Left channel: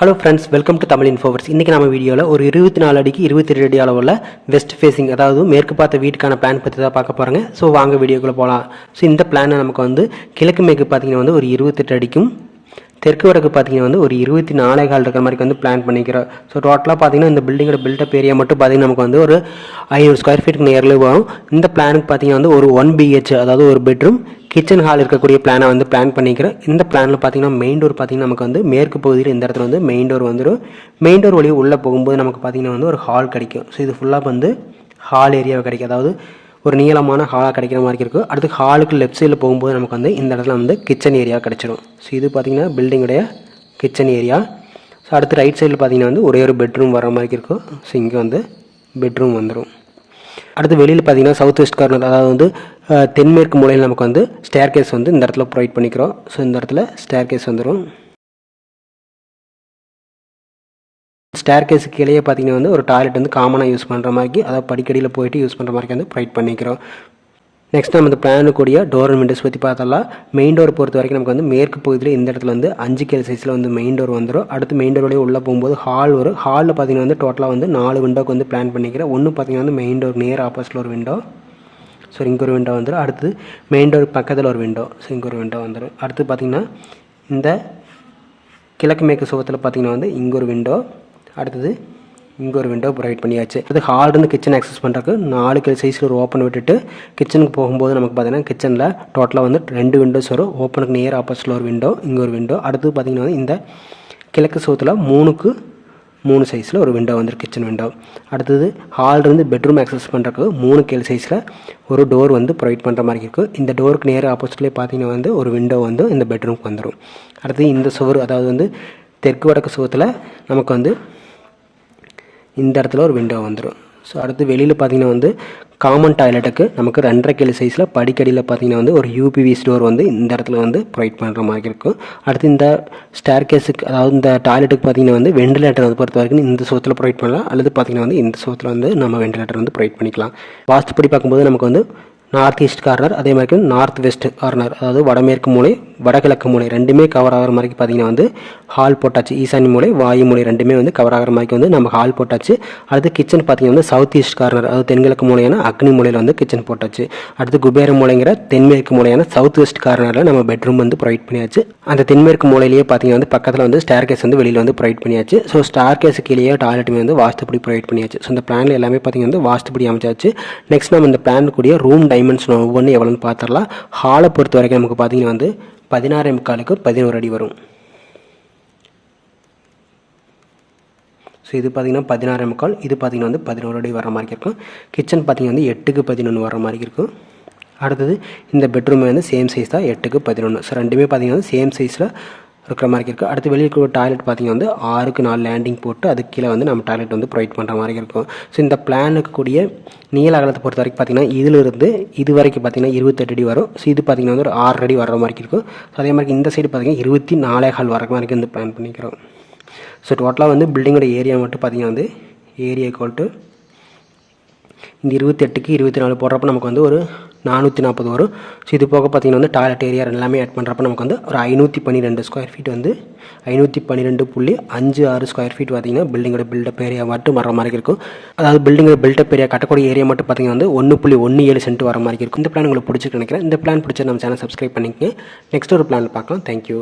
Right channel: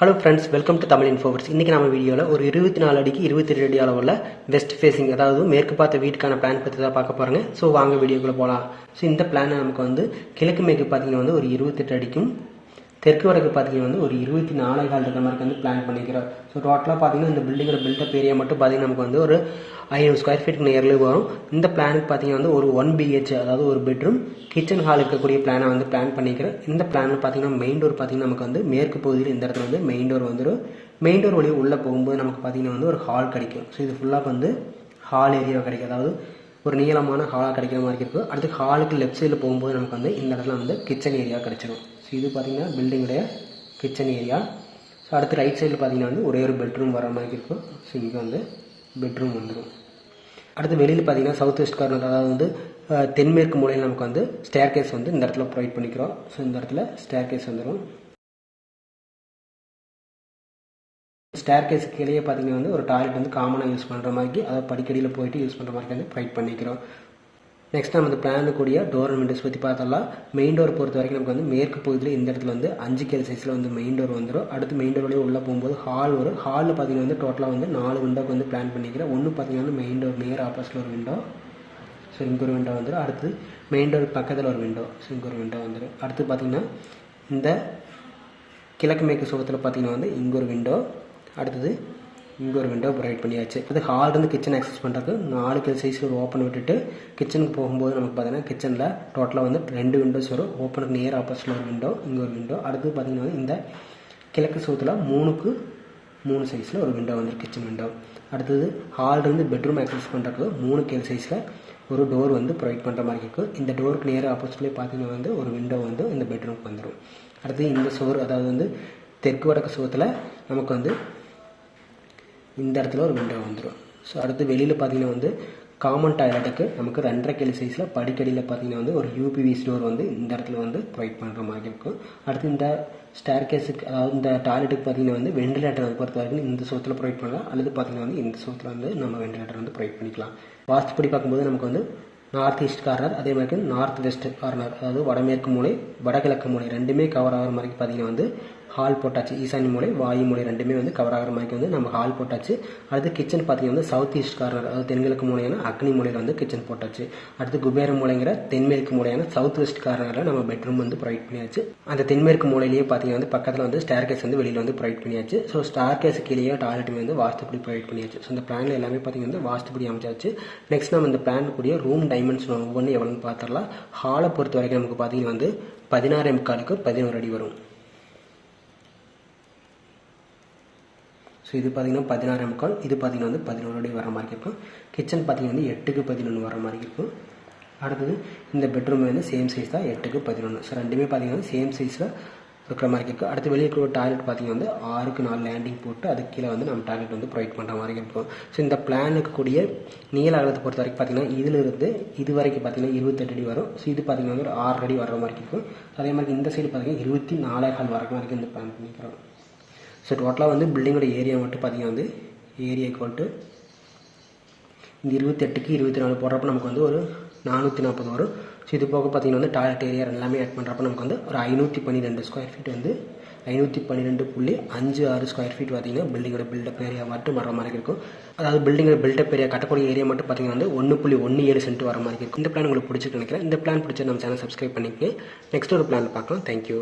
Hello friends welcome to Tamil Infoverse இன்றைக்கி நம்ம வீடியோவில் ஒரு இருபத்தி நாலு அடிக்கு இருபத்தி ரெண்டு அடி அளவில் வெஸ்ட் ஃபேசிங் அதாவது மேற்கு பார்த்த வீட்டுக்கான பிளான் பற்றி தான் பார்க்க போகிறாங்க ஸோ வாங்க வீடியோக்குள்ளே போகலாம் ஸோ இந்த பிளானை நமக்கு வந்து கிழக்கு மேற்கு பார்த்தீங்கன்னா வந்து ஒரு இருபத்தெட்டு அடிக்கும் தெற்கு வடக்கு பார்த்தீங்கன்னா வந்து ஒரு இருபத்தி நாலே கால் இருக்கிற மாதிரி வந்து பிளான் பண்ணிக்கிறோம். ஸோ டோட்டலாக பார்த்தீங்கன்னா இந்த பில்டிங்கோட பில்டப் ஏரியா மட்டும் பார்த்தீங்கன்னா நமக்கு வந்து ஒரு ஐநூறு ஸ்கொயர் ஃபீட்டுக்கு நேரில் வரும். இந்த பிளானுக்கு பார்த்தீங்கன்னா வந்து ஒரு ஒன் பிஹெச் அதாவது ஒரு பெட்ரூம் கிச்சன் ஹால் இருக்கக்கூடிய பிளானை வந்து பிளான் பண்ணிக்கிறேன் இந்த பிளானில் பார்த்தீங்கன்னா மெயின் டோர் பார்த்தீங்கன்னா நமக்கு வந்து மேற்கு பகுதியில் இந்த இடத்துல வந்து மெயின் டோர் வந்துடும் மெயின் டோர் வழியே உள்ளே போகும்போது நமக்கு பார்த்தீங்கன்னா வந்து ஒரு ஹால் கிடைக்கும். ஸோ இது ஃபுல்லாக வந்து ஹால் ஏரியாவை கிடைக்கும். அதாவது ஒரு நீளமான ஹாலாக கிடைக்கிற மாதிரி இருக்கும் அடுத்து ஹாலுக்கு லெஃப்ட் சைடில் போகும்போது நமக்கு வந்து இந்த இடத்துல வந்து கிச்சன் ஏரியா கிடச்சிடும் ஸோ இது பார்த்திங்கன்னா பில்டிங்குடைய கிச்சன் ஏரியா ஸோ அடுத்து ரைட் சைடில் பார்த்தீங்கன்னா வந்து ஒரே ஒரு பெட்ரூம் வர மாதிரி இருக்கும் ஸோ இங்கே வந்து பெட்ரூம் வந்துடும் அடுத்து வெளியில் பார்த்தீங்கன்னா சவுத் வெஸ்ட் கார்னர் அதாவது வந்து தென்மேற்கு மூலையில் நமக்கு வந்து ஸ்டேர் கேஸ் வந்து இந்த இடத்துல ப்ரொவைட் பண்ணிக்கிறோம். ஸோ இந்த இடத்துல ஸ்டேர் கேஸ் வந்துடும் ஸ்டேர் கீழே பார்த்தீங்கன்னா வந்து ஒரு டாய்லெட் வந்து காமனாக யூஸ் பண்ணுற மாதிரி அதாவது படிக்கடியில் போயிட்டு யூஸ் பண்ணுற மாதிரி வந்து ப்ரொவைட் பண்ணிக்கிறோம். நெக்ஸ்ட் நம்ம இந்த பிளானு கூடிய டோர் அண்ட் விண்டோஸ் பற்றி பார்த்தலாம் மெயின் டோர் பொறுத்த வரைக்கும் நமக்கு வந்து மேற்கு பகுதியில் இந்த இடத்துல வந்து அஞ்சு கேள் சைஸில் வந்து மெயின் டோர் வந்துடும் அடுத்து மெயின் டோர் வழியே உள்ளே போகும்போது ஹால் வரும். ஹாலில் பார்த்தீங்கன்னா வந்து டோட்டலாக வந்து நாலு விண்டோக்கு வந்து பிளான் பண்ணிக்கிறேன். ஒன்று பார்த்தீங்கன்னா வந்து மெயின் டோர் நேர் ஆப்போசிட்டில் ஒரு விண்டோ ஸோ இங்கே ஒரு விண்டோ வந்துடும் அடுத்து மெயின் டோர் பக்கத்தில் ஒரு விண்டோ ஸோ இங்கே ஒரு விண்டோ வந்துடும் அடுத்து பார்த்திங்கன்னா இந்த கிழக்கு மேற்கு சுவத்தில் பார்த்தீங்கன்னா வந்து இங்கே ஒரு விண்டோ அடுத்தது இங்கே ஒரு விண்டோ ப்ரொவைட் பண்ணியாச்சு. அது ஹால்லேருந்து கிச்சன் ஆக்சஸ் பண்ணுறதுக்கு நாலு கிலோ சைஸில் ஒரு ஓப்பன் விட்டுட்டு கிச்சனுக்கு போகும்போது நமக்கு பார்த்தீங்கன்னா கிச்சனில் டோட்டலாக வந்து ரெண்டு விண்டோஸ் வரும். ஓப்பனுக்கு நியர் ஆப்போசிட்டில் ஒரு விண்டோ இங்கே ஒரு விண்டோ அடுத்து பார்த்தீங்கன்னா வந்து இந்த கிழக்கு சோத்தில் மூணுக்கு மூணு சைஸில் ஒரு விண்டோ வந்துருக்கு கிச்சன் விண்டோ அடுத்தது ஹால்லேருந்து பெட்ரூம் ஆக்சஸ் பண்ணுறதுக்கு மூணு கேள் சைஸில் ஒரு டோர் வந்து ப்ரொவைட் பண்ணுற மாதிரி இருக்குது இந்த டோருக்கு நேர் ஆப்போசிட்லேயே பார்த்தீங்கன்னா வந்து ஒரு விண்டோ வந்து இந்த பெட்ரூம்க்கு வந்துடும் அடுத்தது இந்த சுவர் அதாவது வந்து தெற்கு வடக்கு சுகத்தில் நமக்கு வந்து இந்த இடத்துல ஒரு விண்டோ வந்துடும் ஸோ அடுத்து வெளியில் பார்த்தீங்கன்னா வந்து காமன் டாய்லெட்டுக்கு நமக்கு ரெண்டரை கிலோ சைஸில் படிக்கடியில் பார்த்தீங்கன்னா வந்து ஒரு யூபிவி ஸ்டோர் வந்து இந்த இடத்துல வந்து ப்ரொவைட் பண்ணுற மாதிரி இருக்கும். அடுத்து இந்த ஸ்டேர் கேஸுக்கு அதாவது இந்த டாய்லெட்டுக்கு பார்த்தீங்கன்னா வந்து வெண்டிலேட்டர் வந்து பொறுத்த வரைக்கும் இந்த சோத்தில் ப்ரொவைட் பண்ணலாம். அல்லது பார்த்தீங்கன்னா வந்து இந்த சோத்தில் வந்து நம்ம வெண்டிலேட்டர் வந்து ப்ரொவைட் பண்ணிக்கலாம். வாஸ்துப்படி பார்க்கும்போது நமக்கு வந்து நார்த் ஈஸ்ட் கார்னர் அதே மாதிரி நார்த் வெஸ்ட் கார்னர். அதாவது வடமேற்கு மூலை வடகிழக்கு மூலை ரெண்டுமே கவர் ஆகிற மாதிரி பார்த்தீங்கன்னா வந்து ஹால் போட்டாச்சு. ஈசானி மூலை வாயு மூலை ரெண்டுமே வந்து கவர் ஆகிற மாதிரி வந்து நம்ம ஹால் போட்டாச்சு. அடுத்து கிச்சன் பார்த்தீங்கன்னா வந்து சவுத் ஈஸ்ட் கார்னர் அதாவது தென்கிழக்கு மூலையான அக்னி மூலையில் வந்து கிச்சன் போட்டாச்சு. அடுத்து குபேர மூலைங்கிற தென்மேற்கு மூலையான சவுத் வெஸ்ட் கார்னரில் நம்ம பெட்ரூம் வந்து ப்ரொவைட் பண்ணியாச்சு. அந்த தென்மேற்கு மூலையிலேயே பார்த்தீங்கன்னா வந்து பக்கத்தில் வந்து ஸ்டேர் கேஸ் வந்து வெளியில் வந்து ப்ரொவைட் பண்ணியாச்சு. ஸோ ஸ்டார் கேஸு கீழேயே டாய்லெட்டுமே வந்து வாஸ்துப்படி ப்ரொவைட் பண்ணியாச்சு. ஸோ இந்த பிளானில் எல்லாமே பார்த்தீங்கன்னா வந்து வாஸ்துப்படி அமைச்சாச்சு. நெக்ஸ்ட் நம்ம இந்த பிளான் கூடிய ரூம் டைம் டைமென்ஷன் ஒவ்வொன்று எவ்வளோன்னு பார்த்துடலாம். ஹாலை பொறுத்த வரைக்கும் நமக்கு பார்த்தீங்கன்னா வந்து பதினாறு முக்காலுக்கு பதினோரு அடி வரும். ஸோ இது பார்த்தீங்கன்னா பதினாறு முக்கால் இது பார்த்தீங்கன்னா வந்து பதினோரு அடி வர மாதிரி இருக்கும். கிச்சன் பார்த்தீங்கன்னா வந்து எட்டுக்கு பதினொன்று வர மாதிரி இருக்கும். அடுத்தது இந்த பெட்ரூம் வந்து சேம் சைஸ் தான் எட்டுக்கு பதினொன்று ஸோ ரெண்டுமே பார்த்தீங்கன்னா சேம் சைஸில் இருக்கிற மாதிரி இருக்குது அடுத்து வெளியே இருக்கிற டாய்லெட் பார்த்தீங்கன்னா வந்து ஆறுக்கு நாலு லேண்டிங் போட்டு அதுக்கு கீழே வந்து நம்ம டாய்லெட் வந்து ப்ரொவைட் பண்ணுற மாதிரி இருக்கும். ஸோ இந்த பிளானுக்கு கூடிய நீள அகலத்தை பொறுத்த வரைக்கும் பார்த்தீங்கன்னா இதிலிருந்து இது வரைக்கும் பார்த்தீங்கன்னா இருபத்தெட்டு அடி வரும். ஸோ இது பார்த்தீங்கன்னா வந்து ஒரு ஆறு அடி வர மாதிரி இருக்கும். ஸோ அதே மாதிரி இந்த சைடு பார்த்தீங்கன்னா இருபத்தி நாலே கால் வர மாதிரி வந்து பிளான் பண்ணிக்கிறோம். ஸோ டோட்டலாக வந்து பில்டிங்கோட ஏரியா மட்டும் பார்த்தீங்கன்னா வந்து ஏரியா ஈக்குவல் டு இந்த இருபத்தெட்டுக்கு இருபத்தி நாலு போடுறப்ப நமக்கு வந்து ஒரு நானூற்றி நாற்பது வரும். ஸோ இது போக பார்த்தீங்கன்னா வந்து டாய்லெட் ஏரியா எல்லாமே ஆட் பண்ணுறப்ப நமக்கு வந்து ஒரு ஐநூற்றி பன்னிரெண்டு ஸ்கொயர் ஃபீட் வந்து ஐநூற்றி பன்னிரெண்டு புள்ளி அஞ்சு ஆறு ஸ்கொயர் ஃபீட் பார்த்திங்கன்னா பில்டிங்கோட பில்டப் ஏரியா மட்டும் வர மாதிரி இருக்கும். அதாவது பில்டிங்கோட பில்டப் ஏரியா கட்டக்கூடிய ஏரியா மட்டும் பார்த்தீங்கன்னா வந்து ஒன்று புள்ளி ஒன்று ஏழு சென்ட் வர மாதிரி இருக்கும். இந்த பிளான் உங்களுக்கு பிடிச்சிருக்கு நினைக்கிறேன். இந்த பிளான் பிடிச்சா நம்ம சேனல் சப்ஸ்கிரைப் பண்ணிக்கங்க. நெக்ஸ்ட் ஒரு பிளான் பார்க்கலாம். Thank you